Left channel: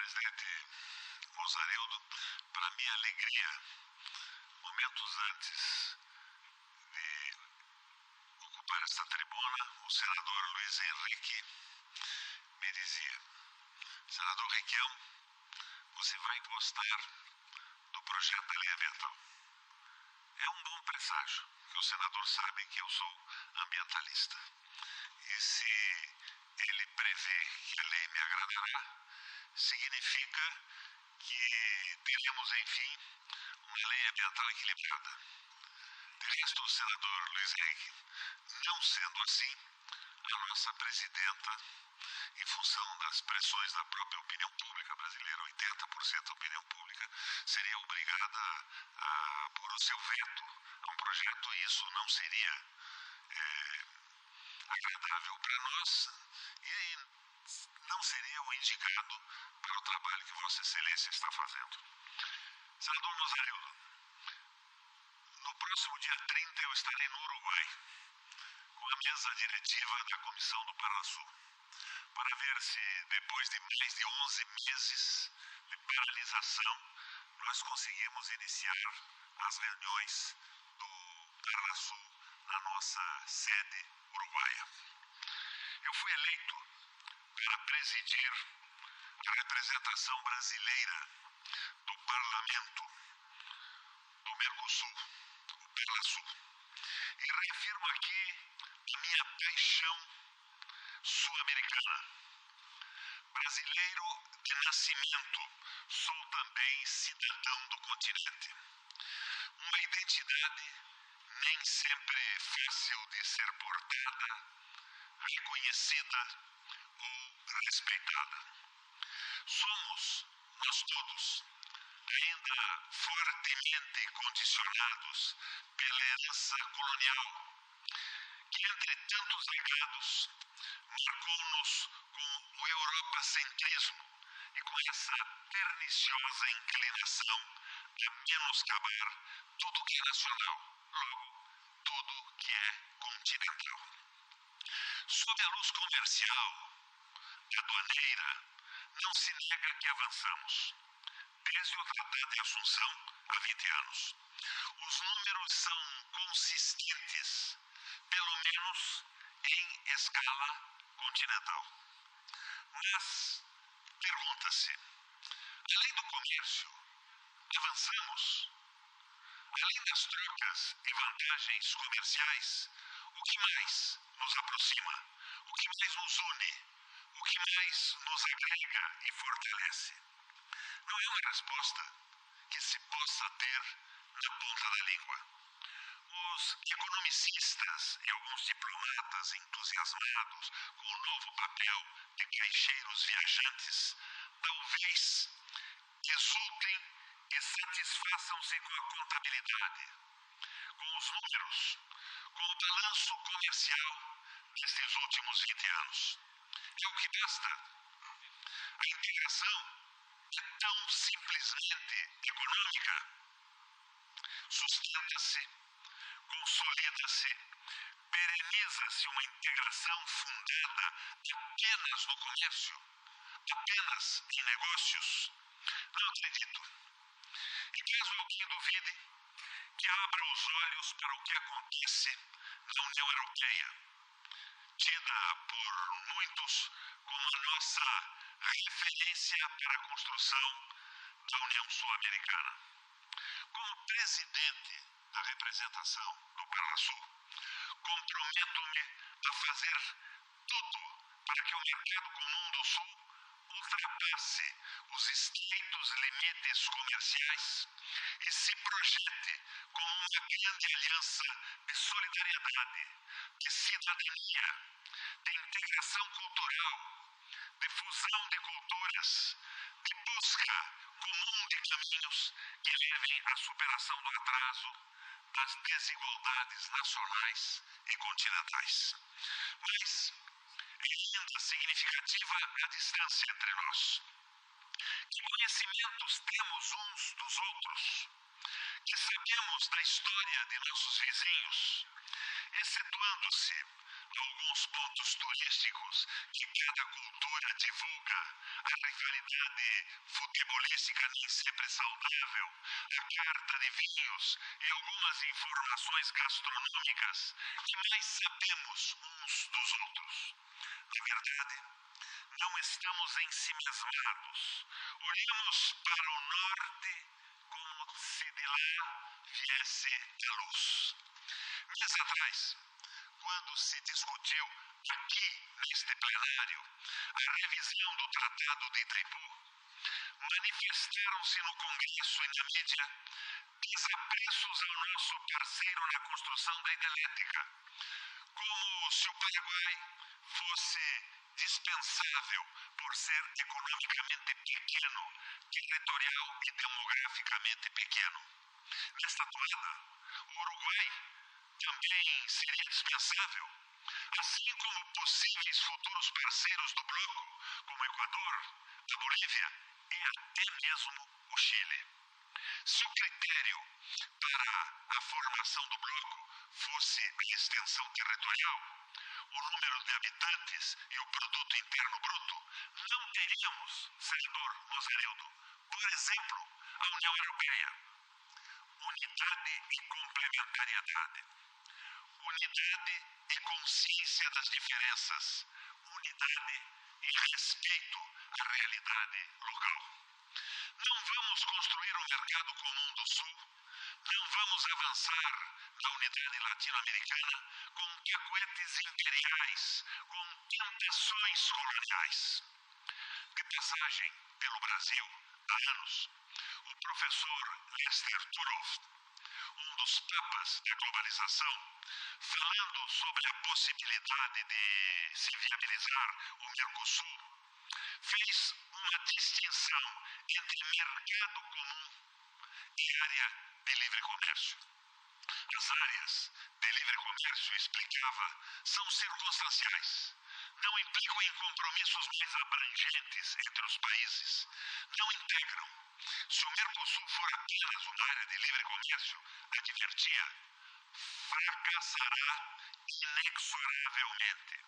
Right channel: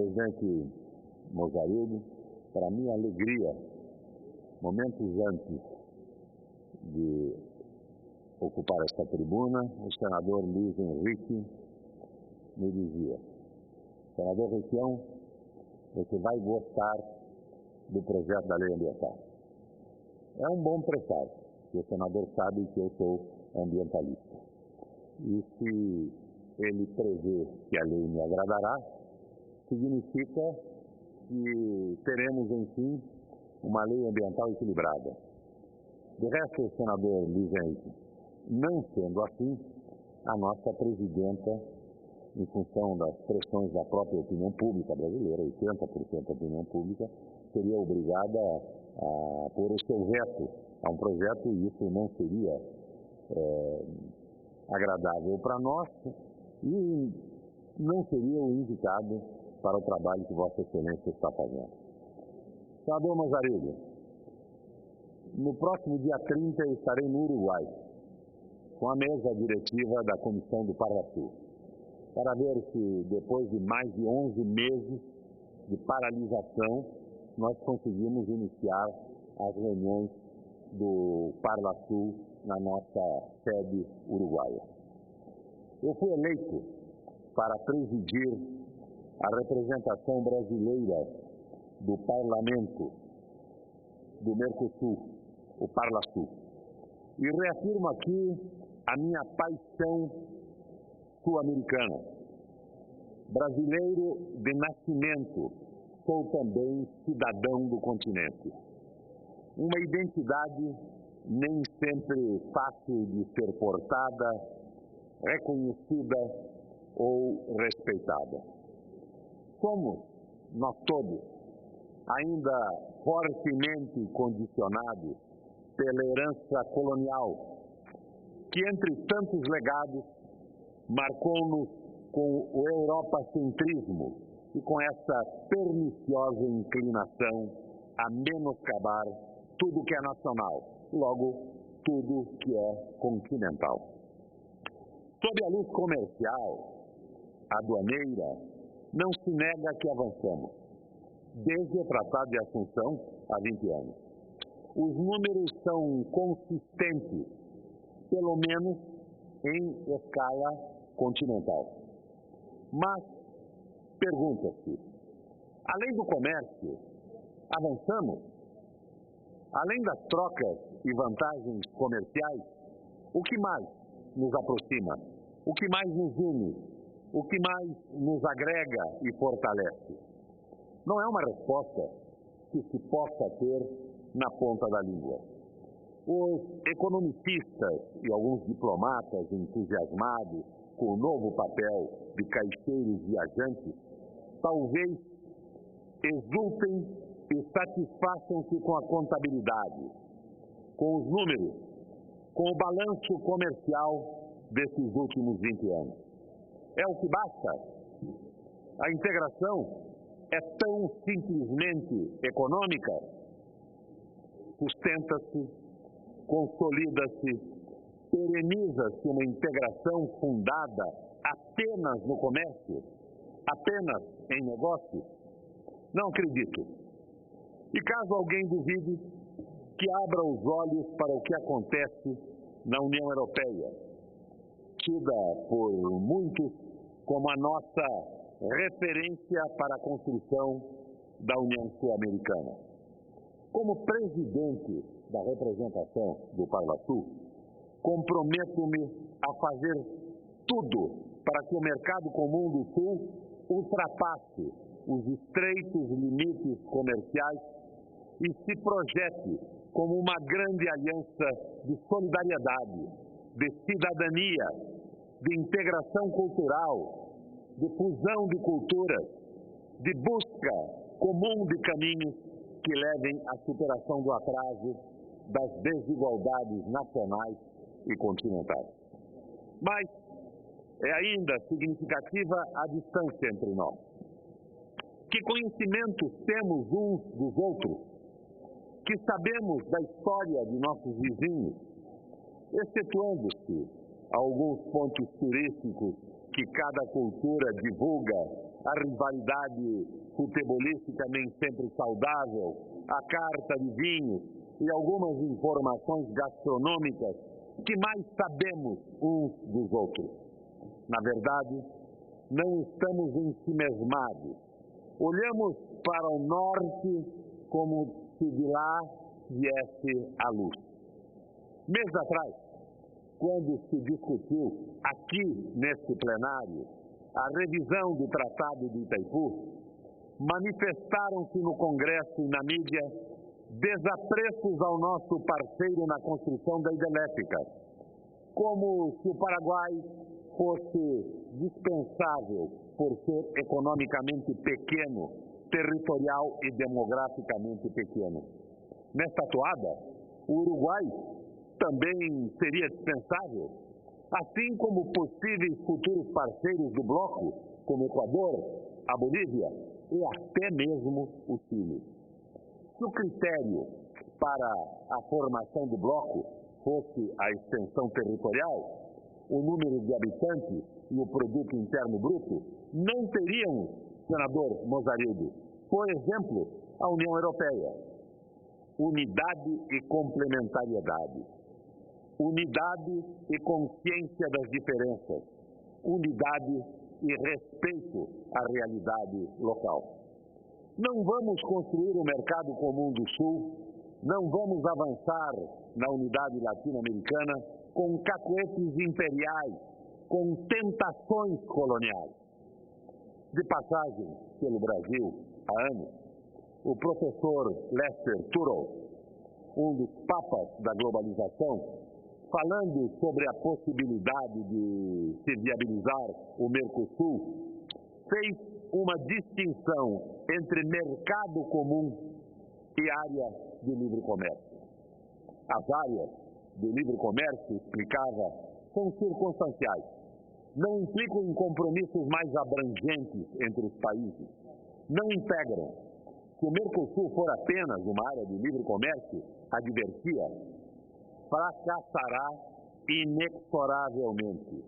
Presidente Mozarildo, para minha alegria, momentos antes de ocupar esta tribuna, o senador Luiz Henrique me dizia: senador Requião, você vai gostar do projeto da lei ambiental. É um bom presságio, que o senador sabe que eu sou ambientalista. E se ele prevê que a lei me agradará, significa que teremos, enfim, uma lei ambiental equilibrada. De resto, senador Luiz Henrique, não sendo assim, a nossa presidenta, em função das pressões da própria opinião pública brasileira, 80% da opinião pública, seria obrigada a pôr o seu veto a um projeto, e isso não seria agradável para nós e não seria o indicado para o trabalho que Vossa Excelência está fazendo. Senador Mozarildo, no próximo dia 30 eu estarei no Uruguai, com a mesa diretiva da Comissão do Parlasul, para ver se, depois de mais de 11 meses de paralisação, nós conseguimos iniciar as reuniões do Parlasul na nossa sede uruguaia. Eu fui eleito para presidir a representação brasileira do Parlamento do Mercosul, o Parlasul. E reafirmo aqui a minha paixão sul-americana. Brasileiro de nascimento, sou também cidadão do continente. Uma identidade nem sempre fácil de ser portada, reconhecida ou respeitada. Somos, nós todos, ainda fortemente condicionados pela herança colonial, que, entre tantos legados, marcou-nos com o europacentrismo e com essa perniciosa inclinação a menoscabar tudo que é nacional, logo, tudo que é continental. Sob a luz comercial, aduaneira, não se nega que avançamos, desde o Tratado de Assunção, há 20 anos. Os números são consistentes, pelo menos em escala continental. Mas, pergunta-se, além do comércio, avançamos? Além das trocas e vantagens comerciais, o que mais nos aproxima? O que mais nos une? O que mais nos agrega e fortalece? Não é uma resposta que se possa ter na ponta da língua. Os economicistas e alguns diplomatas entusiasmados com o novo papel de caixeiros viajantes talvez exultem e satisfaçam-se com a contabilidade, com os números, com o balanço comercial destes últimos 20 anos. É o que basta? A integração é tão simplesmente econômica? Sustenta-se, consolida-se, pereniza-se uma integração fundada apenas no comércio, apenas em negócios? Não acredito. E caso alguém duvide, que abra os olhos para o que acontece na União Europeia, tida por muitos como a nossa referência para a construção da União Sul-Americana. Como presidente da representação do Parlasul, comprometo-me a fazer tudo para que o mercado comum do Sul ultrapasse os estreitos limites comerciais e se projete como uma grande aliança de solidariedade, de cidadania, de integração cultural, de fusão de culturas, de busca comum de caminhos que levem à superação do atraso, das desigualdades nacionais e continentais. Mas é ainda significativa a distância entre nós. Que conhecimentos temos uns dos outros? Que sabemos da história de nossos vizinhos? Excetuando-se alguns pontos turísticos que cada cultura divulga a rivalidade futebolística nem sempre saudável, a carta de vinhos e algumas informações gastronômicas que mais sabemos uns dos outros. Na verdade, não estamos ensimesmados. Olhamos para o norte como se de lá viesse a luz. Meses atrás, quando se discutiu aqui neste plenário a revisão do Tratado de Itaipu, manifestaram-se no Congresso e na mídia desapreços ao nosso parceiro na construção da hidrelétrica, como se o Paraguai fosse dispensável por ser economicamente pequeno, territorial e demograficamente pequeno. Nesta toada, o Uruguai também seria dispensável, assim como possíveis futuros parceiros do bloco, como o Equador, a Bolívia e até mesmo o Chile. Se o critério para a formação do bloco fosse a extensão territorial, o número de habitantes e o produto interno bruto, não teríamos, senador Mozarildo, por exemplo, a União Europeia. Unidade e complementariedade. Unidade e consciência das diferenças. Unidade e respeito à realidade local. Não vamos construir o mercado comum do Sul, não vamos avançar na unidade latino-americana com cacuetes imperiais, com tentações coloniais. De passagem pelo Brasil há anos, o professor Lester Turow, um dos papas da globalização, falando sobre a possibilidade de se viabilizar o Mercosul, fez uma distinção entre mercado comum e área de livre comércio. As áreas de livre comércio, explicava, são circunstanciais. Não implicam em compromissos mais abrangentes entre os países. Não integram. Se o Mercosul for apenas uma área de livre comércio, advertia, fracassará inexoravelmente.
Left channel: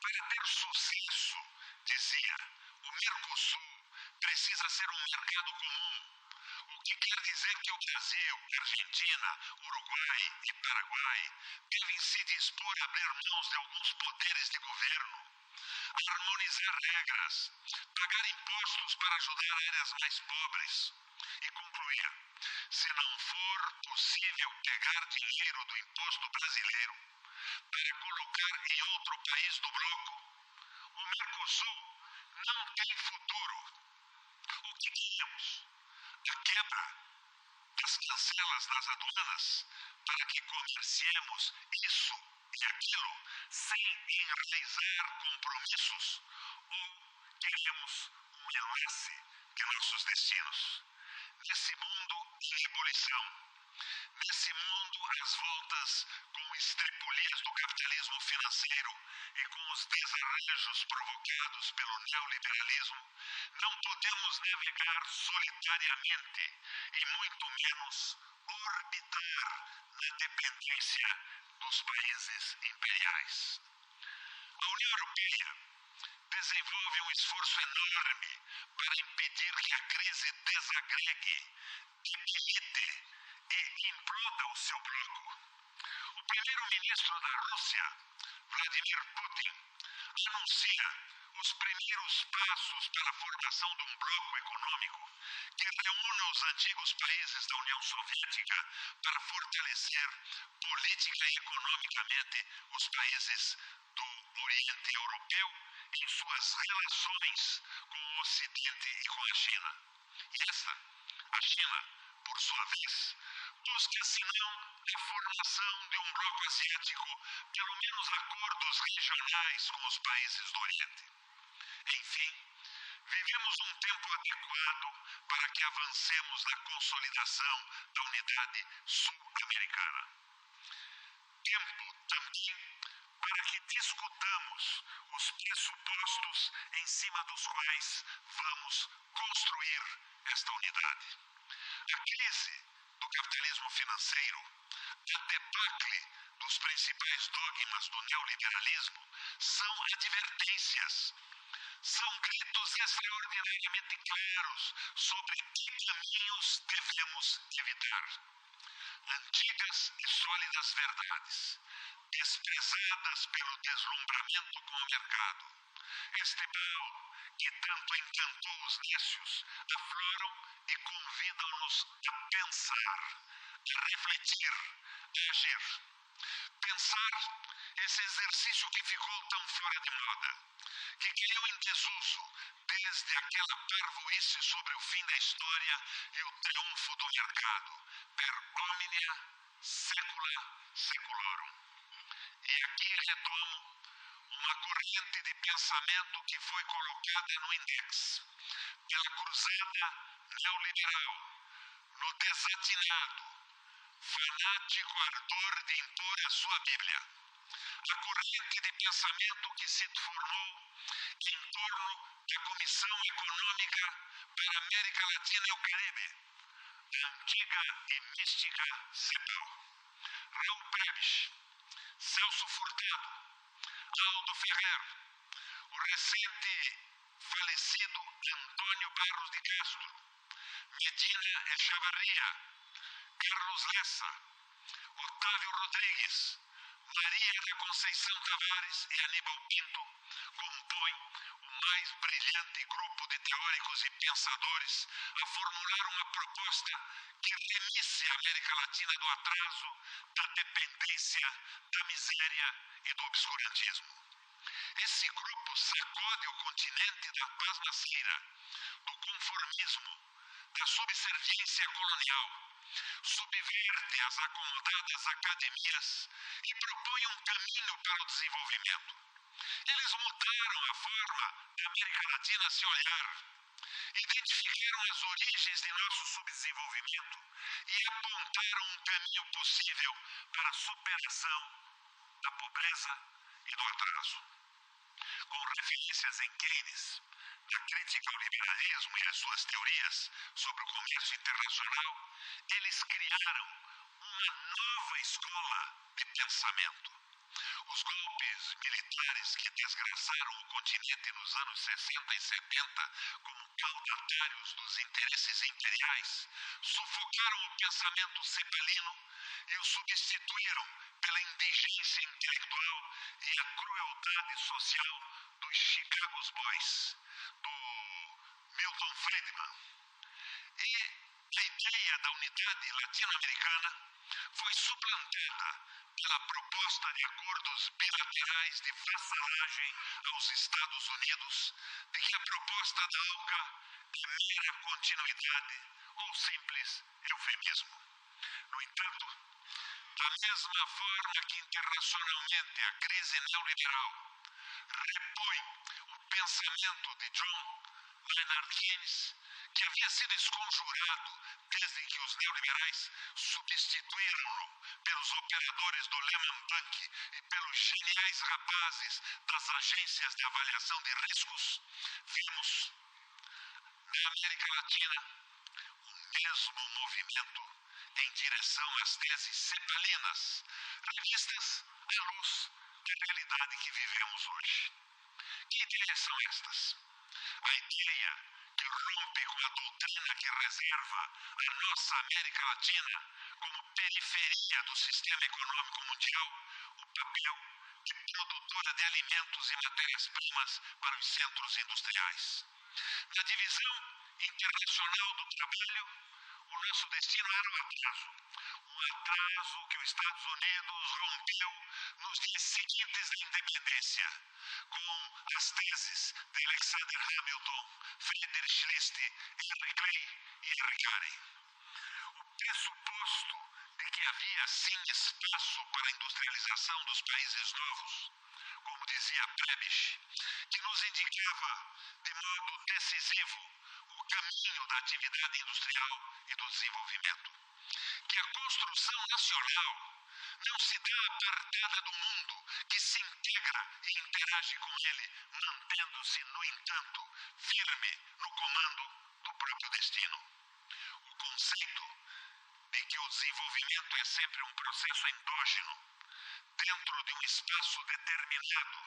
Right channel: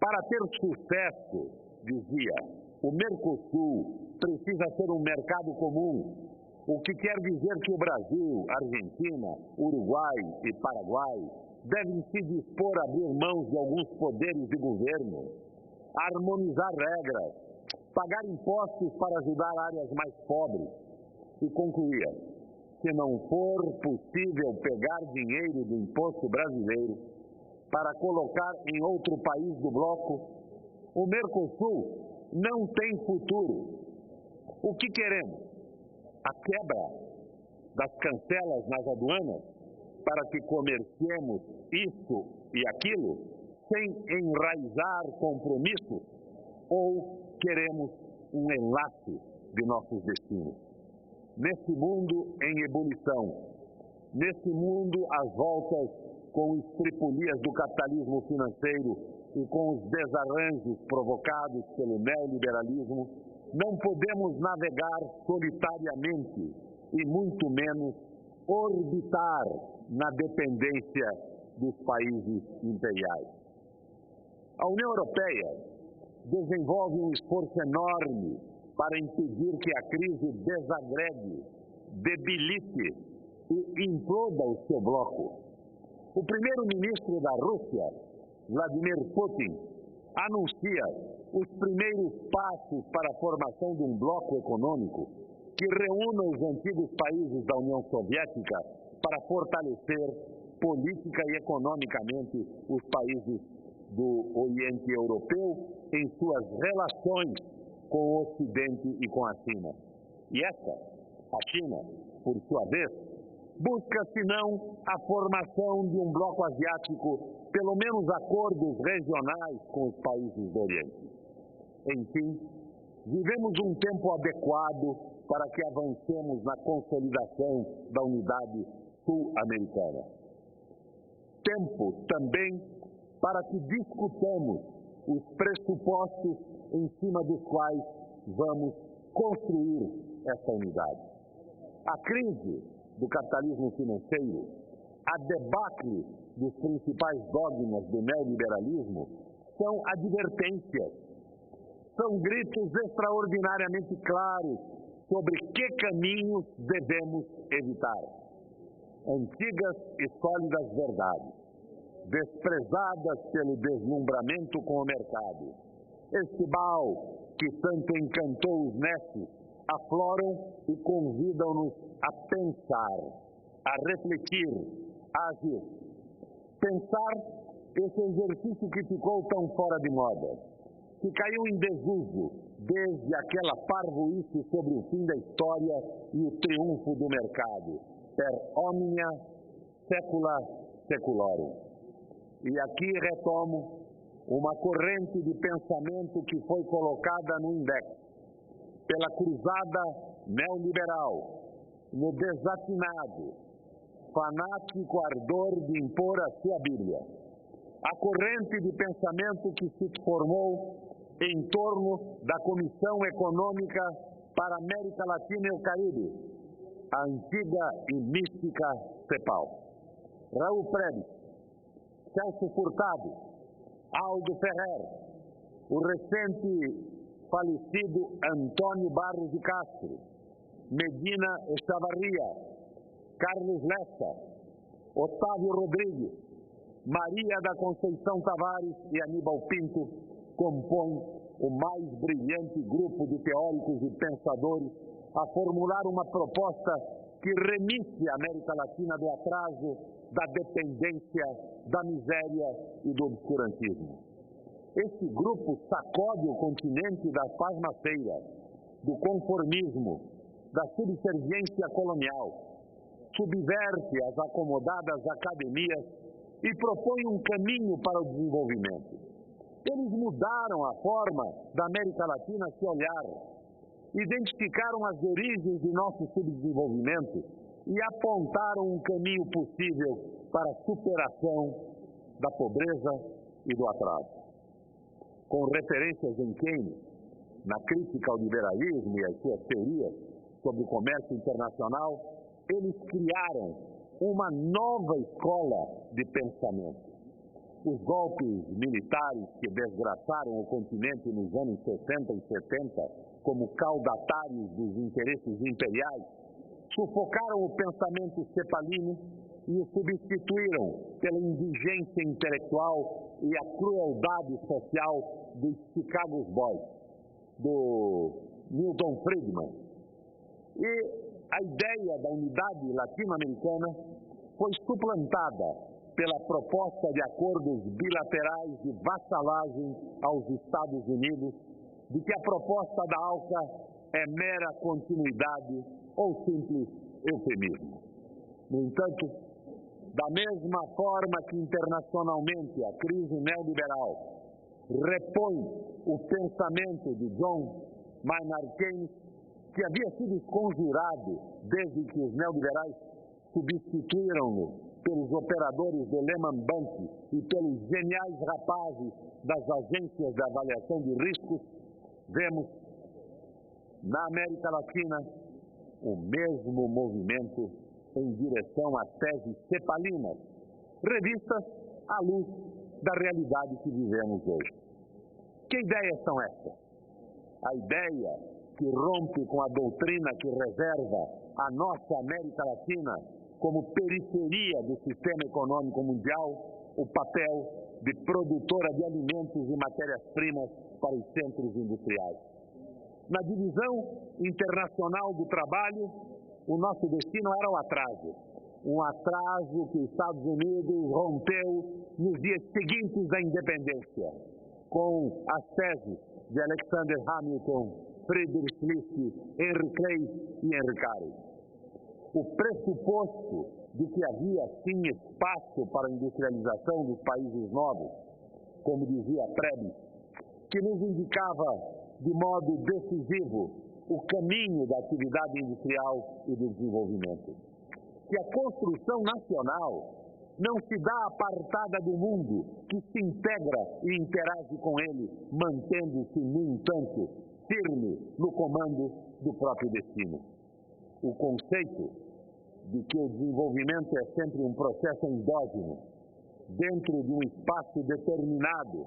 Para ter sucesso, dizia, o Mercosul precisa ser um mercado comum, o que quer dizer que o Brasil, Argentina, Uruguai e Paraguai devem se dispor a abrir mãos de alguns poderes de governo, harmonizar regras, pagar impostos para ajudar áreas mais pobres. E concluía, se não for possível pegar dinheiro do imposto brasileiro para colocar em outro país do bloco, o Mercosul não tem futuro. O que queremos? A quebra das cancelas nas aduanas para que comerciemos isso e aquilo sem enraizar compromissos? Ou queremos um enlace de nossos destinos? Nesse mundo em ebulição, nesse mundo às voltas com estripulias do capitalismo financeiro e com os desarranjos provocados pelo neoliberalismo, não podemos navegar solitariamente e muito menos orbitar na dependência dos países imperiais. A União Europeia desenvolve um esforço enorme para impedir que a crise desagregue, debilite e imploda o seu bloco. O primeiro-ministro da Rússia, Vladimir Putin, anuncia os primeiros passos para a formação de um bloco econômico que reúna os antigos países da União Soviética para fortalecer política e economicamente os países do Oriente Europeu em suas relações com o Ocidente e com a China. E a China, por sua vez, busca, senão, a formação de um bloco asiático, pelo menos acordos regionais com os países do Oriente. Enfim, vivemos um tempo adequado para que avancemos na consolidação da unidade sul-americana. Tempo também para que discutamos os pressupostos em cima dos quais vamos construir esta unidade. A crise do capitalismo financeiro, a debacle dos principais dogmas do neoliberalismo são advertências, são gritos extraordinariamente claros sobre que caminhos devemos evitar. Antigas e sólidas verdades, desprezadas pelo deslumbramento com o mercado. Este baú que tanto encantou os nécios, afloram e convidam-nos a pensar, a refletir, a agir. Pensar, esse exercício que ficou tão fora de moda, que caiu em desuso desde aquela parvoíce sobre o fim da história e o triunfo do mercado, per omnia secula seculorum. E aqui retomo uma corrente de pensamento que foi colocada no index pela cruzada neoliberal, no desatinado, fanático ardor de impor a sua Bíblia. A corrente de pensamento que se formou em torno da Comissão Econômica para a América Latina e o Caribe, a antiga e mística CEPAL. Raul Prebisch, Celso Furtado, Aldo Ferrer, o recente falecido Antônio Barros de Castro, Medina Echavarria, Carlos Lessa, Otávio Rodrigues, Maria da Conceição Tavares e Aníbal Pinto compõem o mais brilhante grupo de teóricos e pensadores a formular uma proposta que remisse a América Latina do atraso, da dependência, da miséria e do obscurantismo. Esse grupo sacode o continente da pasmaceira, do conformismo, da subserviência colonial, subverte as acomodadas academias e propõe um caminho para o desenvolvimento. Eles mudaram a forma da América Latina se olhar, identificaram as origens de nosso subdesenvolvimento e apontaram um caminho possível para a superação da pobreza e do atraso. Com referências em Keynes, na crítica ao liberalismo e às suas teorias sobre o comércio internacional, eles criaram uma nova escola de pensamento. Os golpes militares que desgraçaram o continente nos anos 60 e 70 como caudatários dos interesses imperiais, sufocaram o pensamento cepalino e o substituíram pela indigência intelectual e a crueldade social dos Chicago Boys, do Milton Friedman. E a ideia da unidade latino-americana foi suplantada pela proposta de acordos bilaterais de vassalagem aos Estados Unidos, de que a proposta da ALCA é mera continuidade ou simples eufemismo. No entanto, da mesma forma que internacionalmente a crise neoliberal repõe o pensamento de John Maynard Keynes, que havia sido esconjurado desde que os neoliberais substituíram-no pelos operadores do Lehman Bank e pelos geniais rapazes das agências de avaliação de riscos, vemos na América Latina o mesmo movimento em direção às teses cepalinas, revistas à luz da realidade que vivemos hoje. Que ideias são estas? A ideia que rompe com a doutrina que reserva a nossa América Latina como periferia do sistema econômico mundial, o papel de produtora de alimentos e matérias-primas para os centros industriais. Na divisão internacional do trabalho, o nosso destino era o atraso. Um atraso que os Estados Unidos rompeu nos dias seguintes da independência, com as teses de Alexander Hamilton, Friedrich List, Henry Clay e Henry Carey. O pressuposto de que havia, sim, espaço para a industrialização dos países novos, como dizia Prebisch, que nos indicava de modo decisivo o caminho da atividade industrial e do desenvolvimento. Que a construção nacional não se dá apartada do mundo, que se integra e interage com ele, mantendo-se, no entanto, firme no comando do próprio destino. O conceito de que o desenvolvimento é sempre um processo endógeno, dentro de um espaço determinado,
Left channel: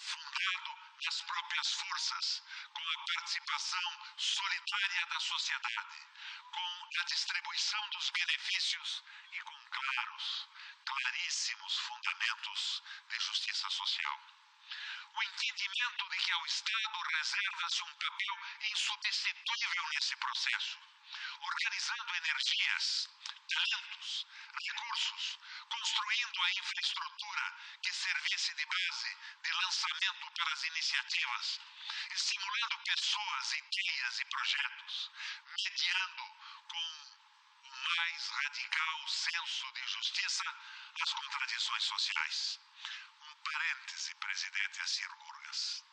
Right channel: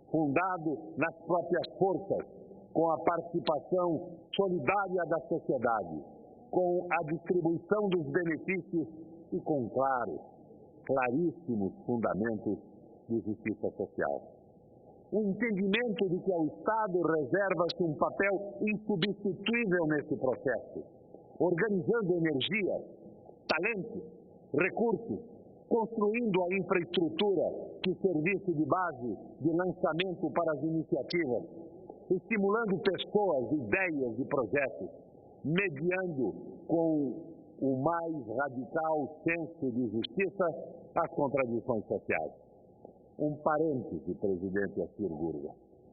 fundado nas próprias forças, com a participação solidária da sociedade, com a distribuição dos benefícios e com claríssimos fundamentos de justiça social. O entendimento de que ao Estado reserva-se um papel insubstituível nesse processo, organizando energias, talentos, recursos, construindo a infraestrutura que servisse de base de lançamento para as iniciativas, estimulando pessoas, ideias e projetos, mediando com o mais radical senso de justiça as contradições sociais. Um parêntese, presidente Assir Gurgas.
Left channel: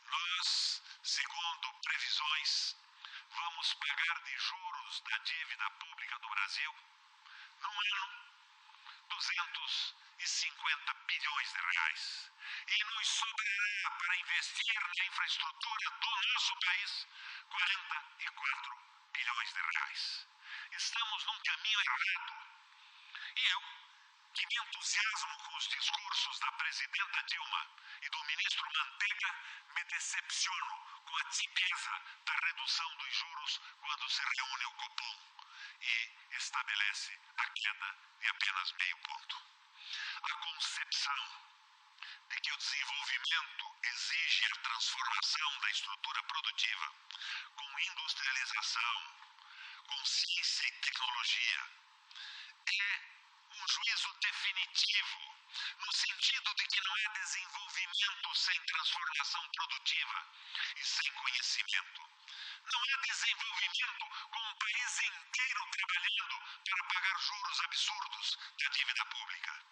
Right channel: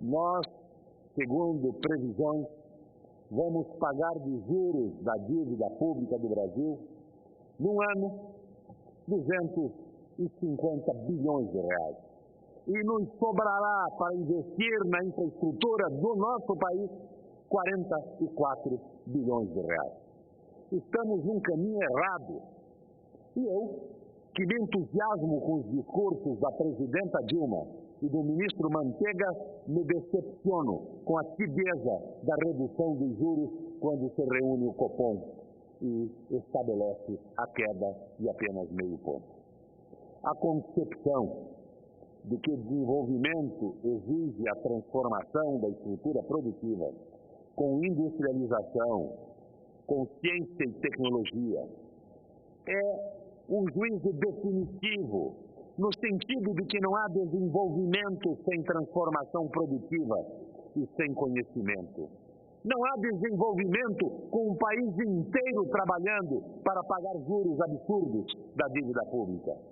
Nós, segundo previsões, vamos pagar de juros da dívida pública do Brasil, num ano, 250 bilhões de reais. E nos sobrará para investir na infraestrutura do nosso país 44 bilhões de reais. Estamos num caminho errado. E eu, que me entusiasmo com os discursos da presidenta Dilma e do ministro Manteiga, me decepciono com a tibieza da redução dos juros quando se reúne o Copom e estabelece a queda de apenas meio ponto. A concepção de que o desenvolvimento exige a transformação da estrutura produtiva com industrialização, com ciência e tecnologia, é um juízo definitivo, no sentido de que não há desenvolvimento sem transformação produtiva e sem conhecimento. Não há desenvolvimento com um país inteiro trabalhando para pagar juros absurdos da dívida pública.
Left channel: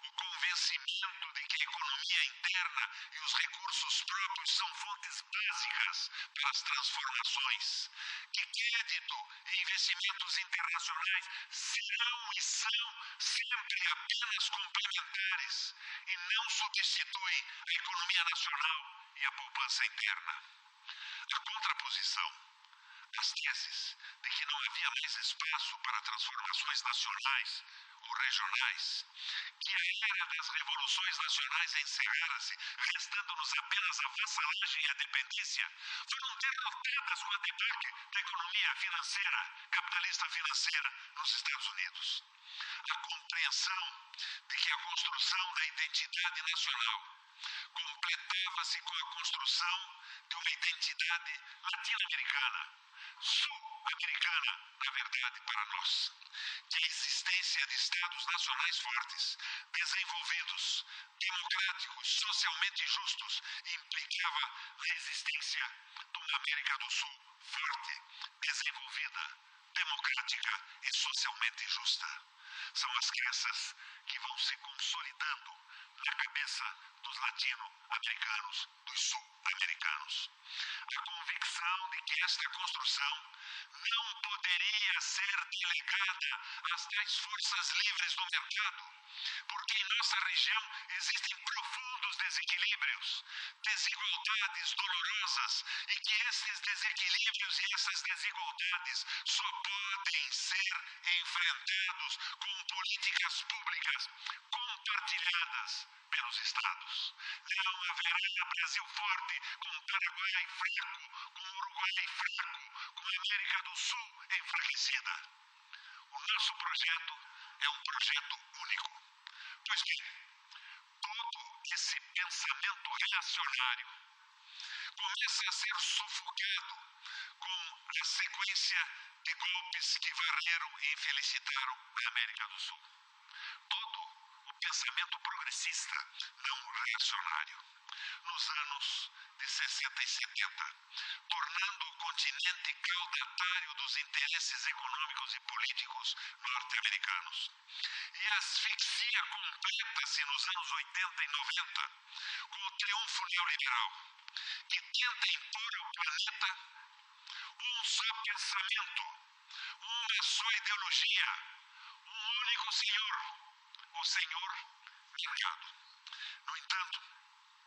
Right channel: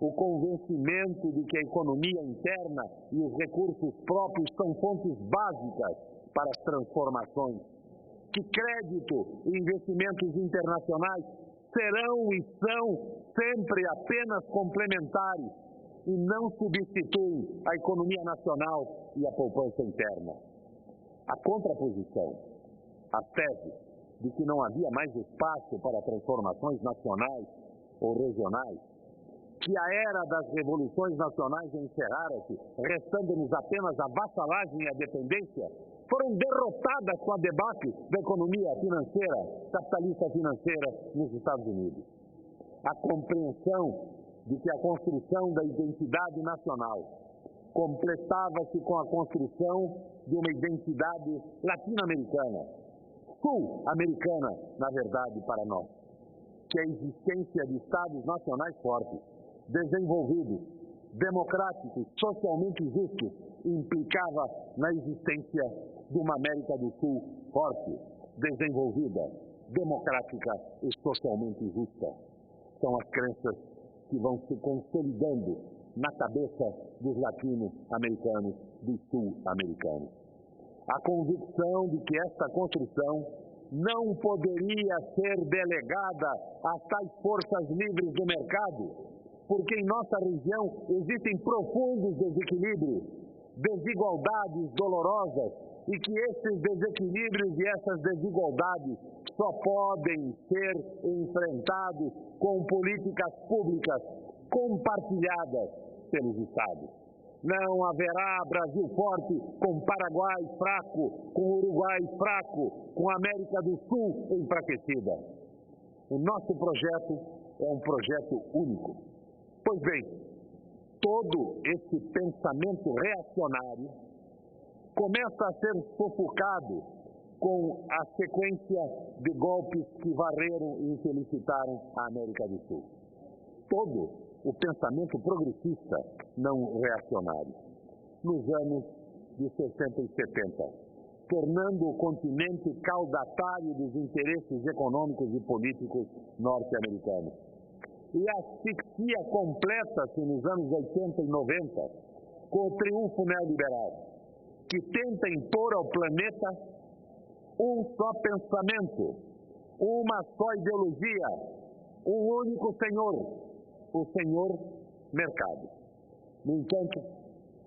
O convencimento de que a economia interna e os recursos próprios são fontes básicas para as transformações, que crédito e investimentos internacionais serão e são sempre apenas complementares e não substituem a economia nacional e a poupança interna. A contraposição, as teses de que não havia mais espaço para transformações nacionais ou regionais, que a era das revoluções nacionais encerrara-se, restando-nos apenas a vassalagem e a dependência, foram derrotadas com a debacle da economia financeira, capitalista financeira nos Estados Unidos. A compreensão de que a construção da identidade nacional completava-se com a construção de uma identidade latino-americana, sul-americana, na verdade, para nós. Que a existência de Estados nacionais fortes, desenvolvidos, democráticos, socialmente justos, implicava na existência de uma América do Sul forte, desenvolvida, democrática e socialmente justa. São as crenças que vão se consolidando na cabeça dos latino-americanos, dos sul-americanos. A convicção de que esta construção não poderia ser delegada às tais forças livres do mercado, porque em nossa região existem profundos desequilíbrios, desigualdades dolorosas, e que esses desequilíbrios e essas desigualdades só podem ser enfrentados com políticas públicas compartilhadas pelos Estados. Não haverá Brasil forte com Paraguai fraco, com Uruguai fraco, com América do Sul enfraquecida. O nosso projeto é um projeto único. Pois bem, todo esse pensamento reacionário começa a ser sufocado com a sequência de golpes que varreram e infelicitaram a América do Sul. Todo o pensamento progressista não reacionário, nos anos de 60 e 70, tornando o continente caudatário dos interesses econômicos e políticos norte-americanos. E a asfixia completa-se nos anos 80 e 90, com o triunfo neoliberal, que tenta impor ao planeta um só pensamento, uma só ideologia, um único senhor, o senhor mercado. No entanto,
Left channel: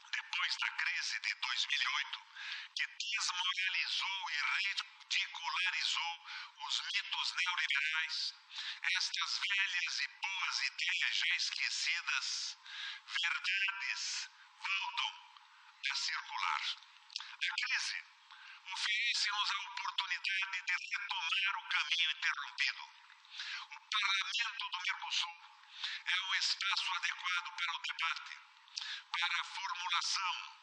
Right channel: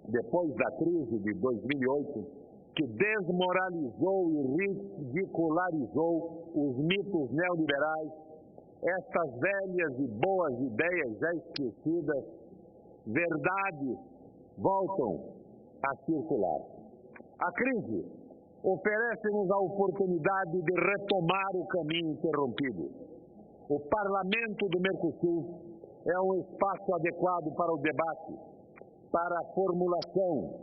depois da crise de 2008, que desmoralizou e ridicularizou os mitos neoliberais, estas velhas e boas ideias já esquecidas, verdades voltam a circular. A crise oferece-nos a oportunidade de retomar o caminho interrompido. O Parlamento do Mercosul é um espaço adequado para o debate, para a formulação,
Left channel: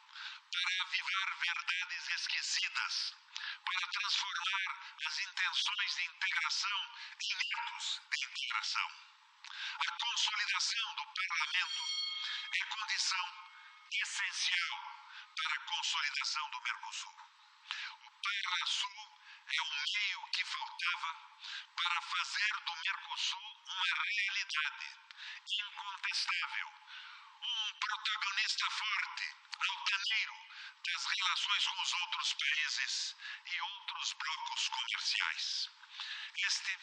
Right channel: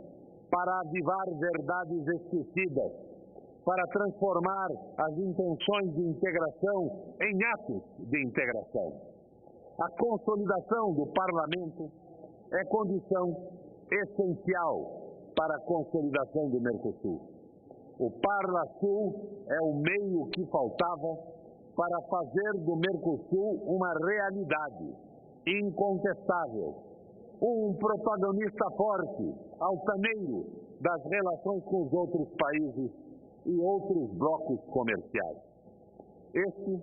para avivar verdades esquecidas, para transformar as intenções de integração em atos de integração. A consolidação do Parlamento é condição essencial para a consolidação do Mercosul. O Parlasul é o meio que faltava para fazer do Mercosul uma realidade incontestável, um protagonista forte, altaneiro das relações com os outros países e outros blocos comerciais. Este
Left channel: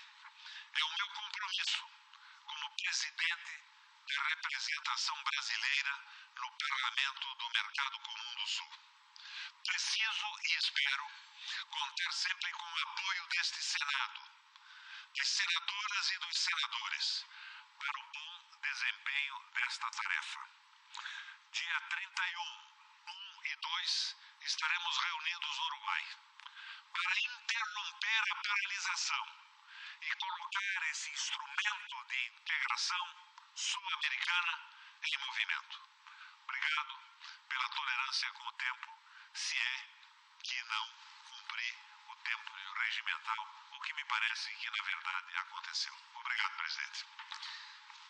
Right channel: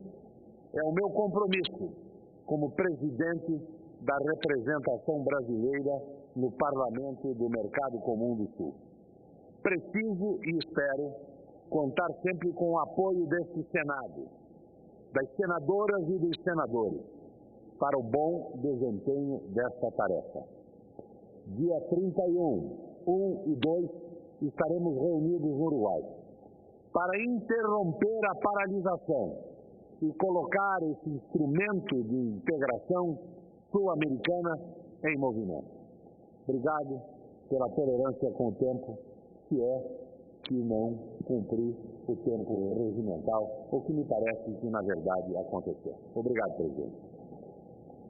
é o meu compromisso como presidente da representação brasileira no Parlamento do Mercado Comum do Sul. Preciso e espero contar sempre com o apoio deste Senado, das senadoras e dos senadores, para o bom desempenho desta tarefa. Dia 31, 1 e 2, estaremos reunidos no Uruguai para interromper a paralisação e colocar esse instrumento de integração sul-americana em movimento. Obrigado pela tolerância com o tempo, se é que não cumprir o tempo regimental, o que me parece que, na verdade, aconteceu. Obrigado, presidente.